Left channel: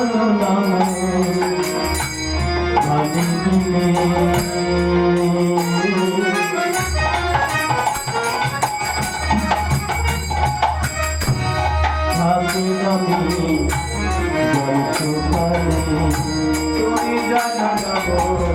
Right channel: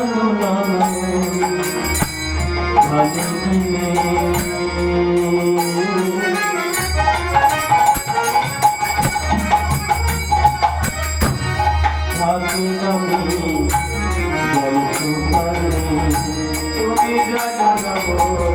জানো নাম ভালো দিলে থাকে আমি বলছো পারি তুমি জানো নাম ভালো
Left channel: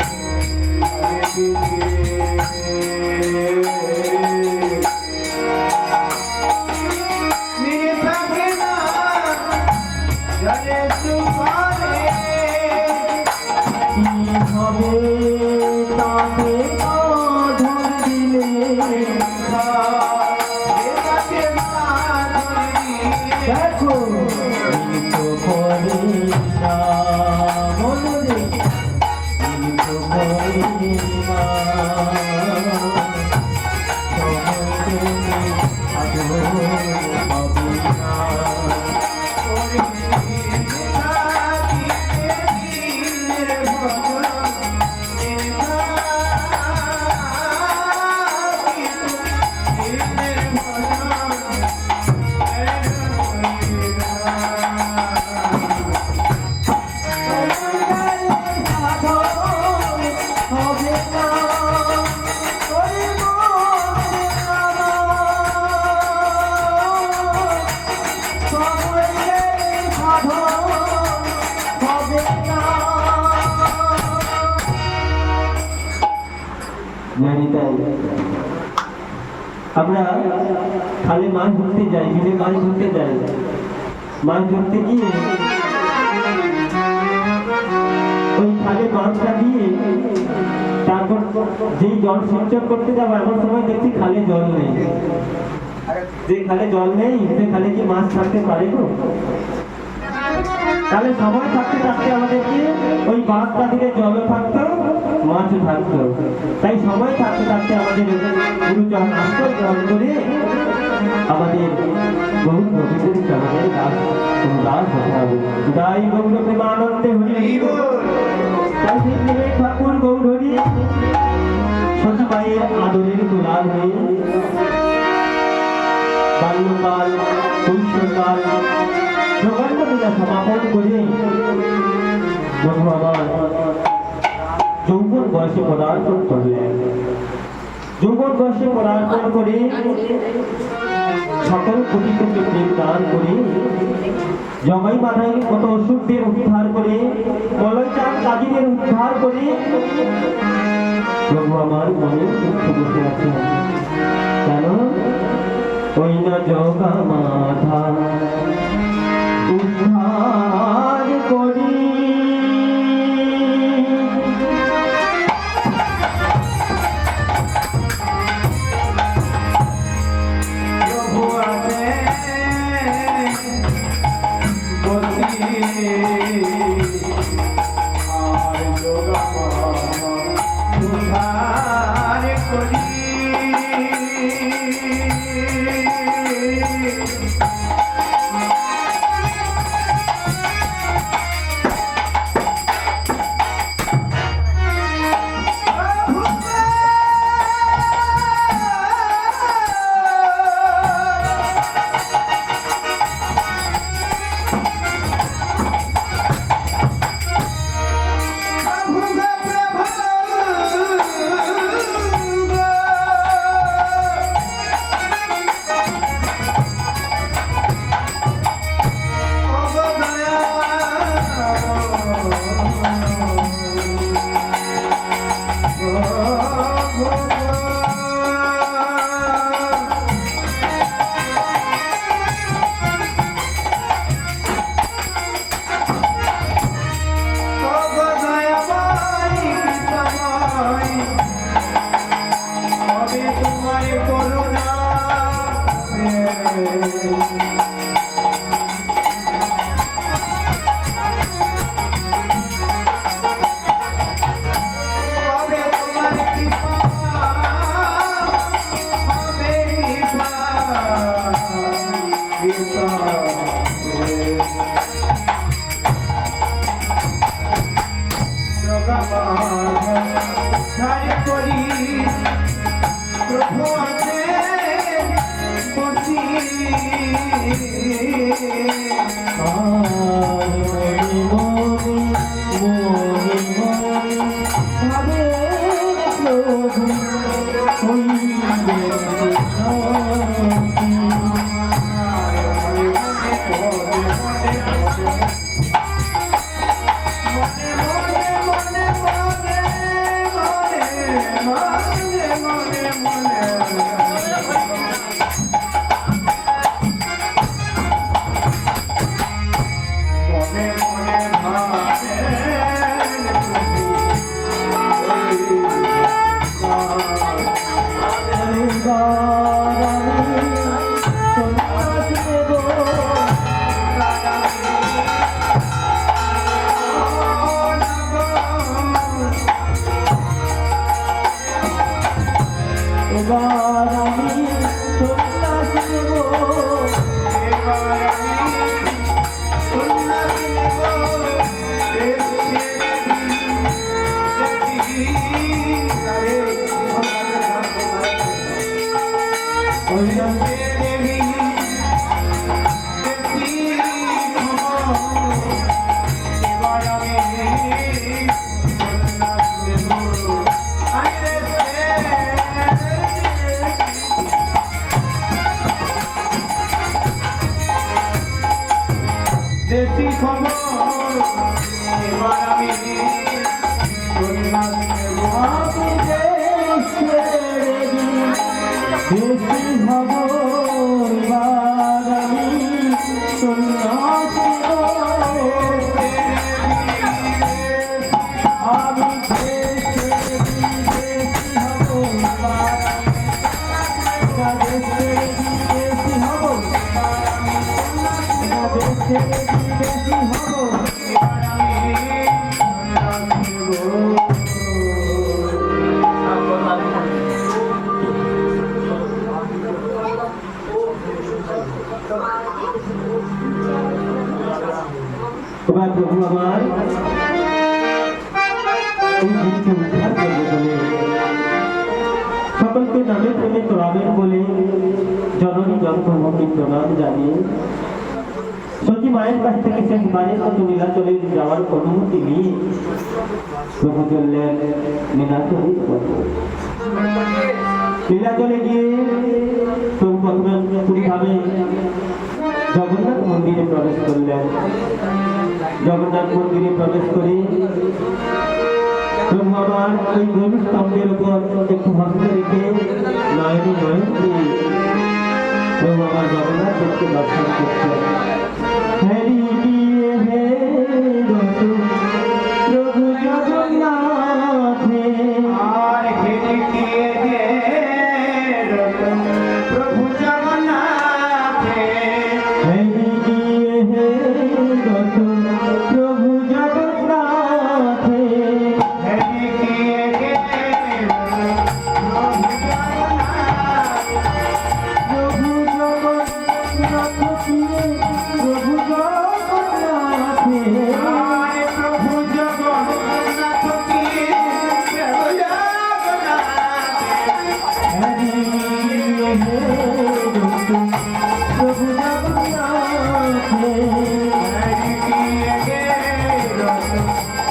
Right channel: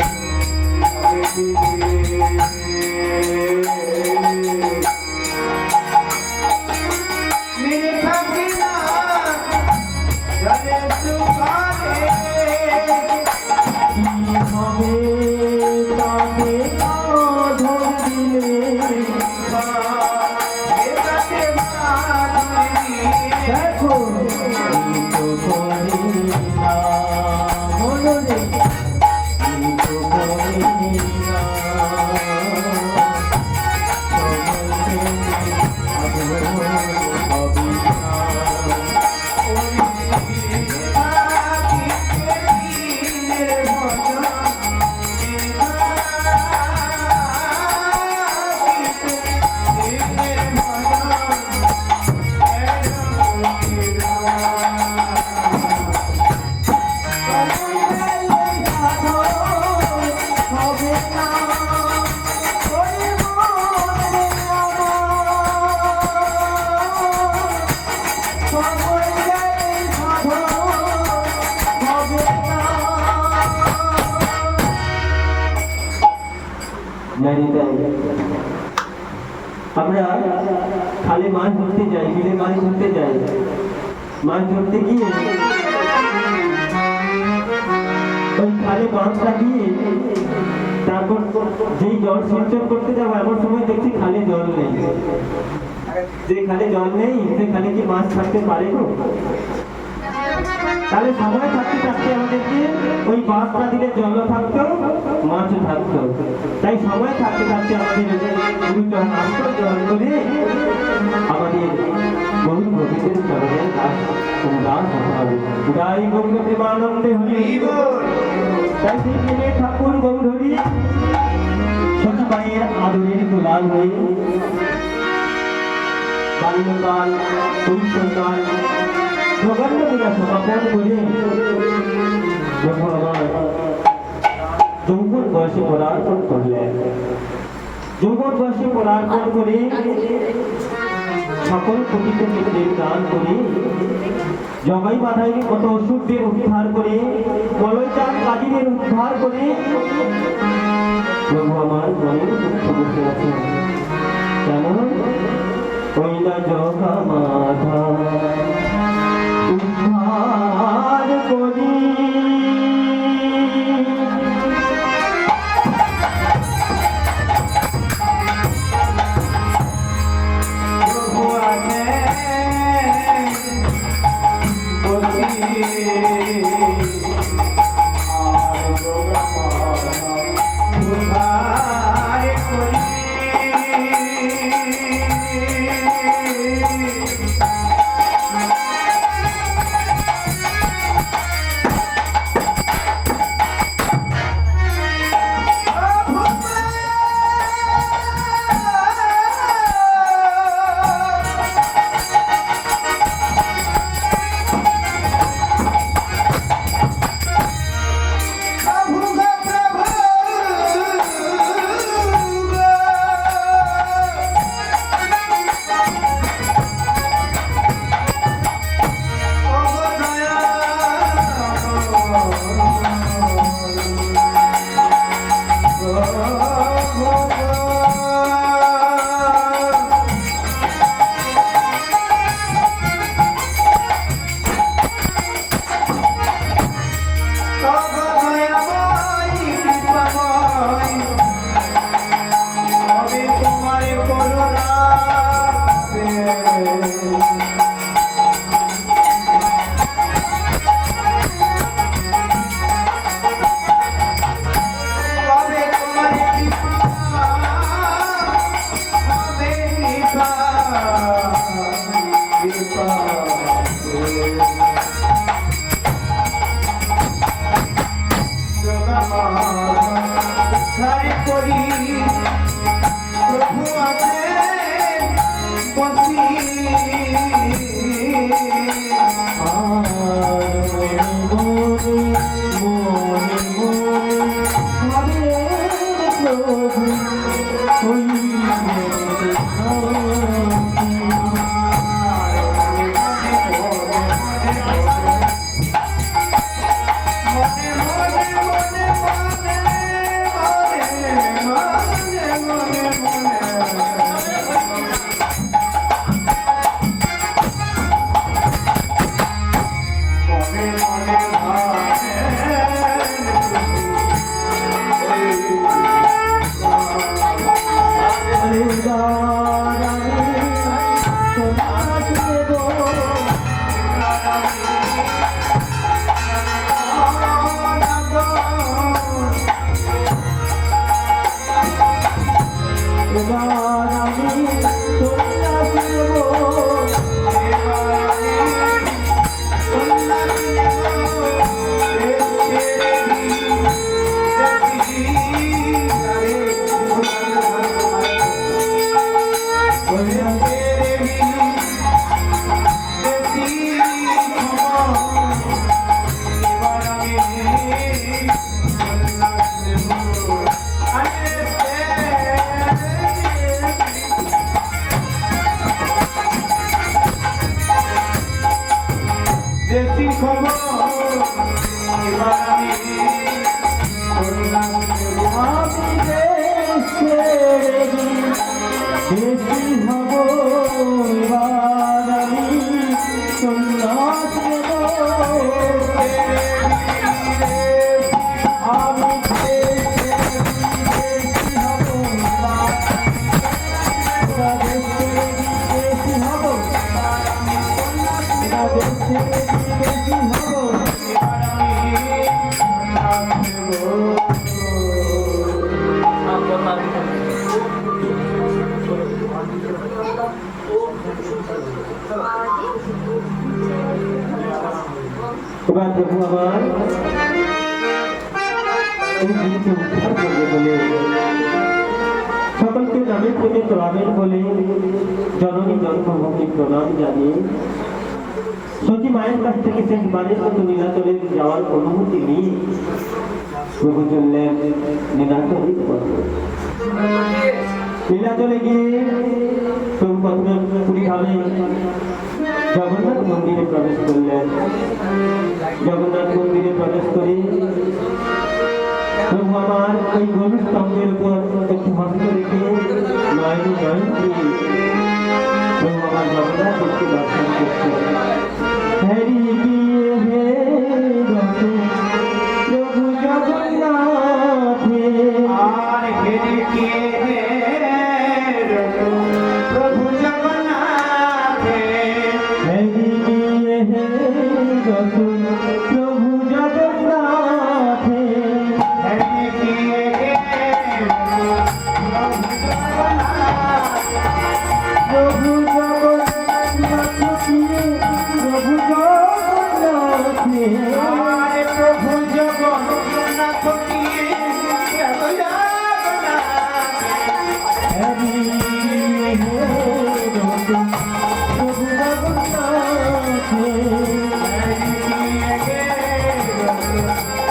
আমরা খালে মাছ ধরতে যাই, বিলে মাছ ধরতে যাই। মাছ ধরতে গিয়ে ওই খালে মাছ লাগিয়ে তারপর যেই জল সিঞ্চন করতে যাবো এমন সময় দেখছি খালে জল নেই। যে খালে জল নেই সে খালে কি মাছ থাকতে পারে গো? তাহলে সময় থাকতে থাকতে আমাদেরকে ওই বাঁধটা দিলে জলও থাকতো, মাছও থাকতো। তাই সময় থাকতে থাকতে আমাদের গুরুচরণ আশ্রয় গ্রহণ করে আমাদের বহু প্রকৃতির চরণের গাছ গাছ হতে হবে। গাই গৌর প্রেমানন্দে হরি। তাই সেই ঠাকুর গৌর হরি সতীবাইয়ের আদরের দুলাল হয়ে বাল্যকাল কৈশোরকাল প্রকাণ্ড পূজা সমাপন করে বন্ধু আমার যৌবন বয়সে পদার্পণ করলেন। যৌবন বয়সে পদার্পণ করে সকল কবিতাকে দান করে জগাই বাধাই কত অসুরদের উদ্ধার করে মলয়চাঁদ কাজীদের উদ্ধার করে বন্ধু আমার মনে দুঃখ বসে আছে। কেন ওই না জগা মাধা উদ্ধার করি প্রভু আছে দেশি খবর এবার আমি শুনলাম বেশি হব এবার আমি সন্ন্যাসী আমি বেশি হব বেশি হব এবার প্রভু আবার এই গীতকে উদ্ধার করবে বলে সকলকে নামের প্রেমে তোলাবেন বলে জননী জন্মভূমি প্রণাম জানিয়ে সতী মায়ের কাছ থেকে সে মায়ের মতো নীলাচলে যাওয়ার অনুমতি নিয়ে প্রভু চললেন নীলাচলের পথে। নীলাচলে গিয়ে প্রভু প্রথমে পুরীভাবে জগন্নাথ মন্দিরে প্রবেশ করলেন। জগন্নাথ মন্দিরে প্রবেশ করে প্রভু আবার ওই গরু স্তম্ভের উপর একটু হস্ত রেখে নয়ন দিয়ে প্রভু আবার জগন্নাথ দেবকে দর্শন করছেন।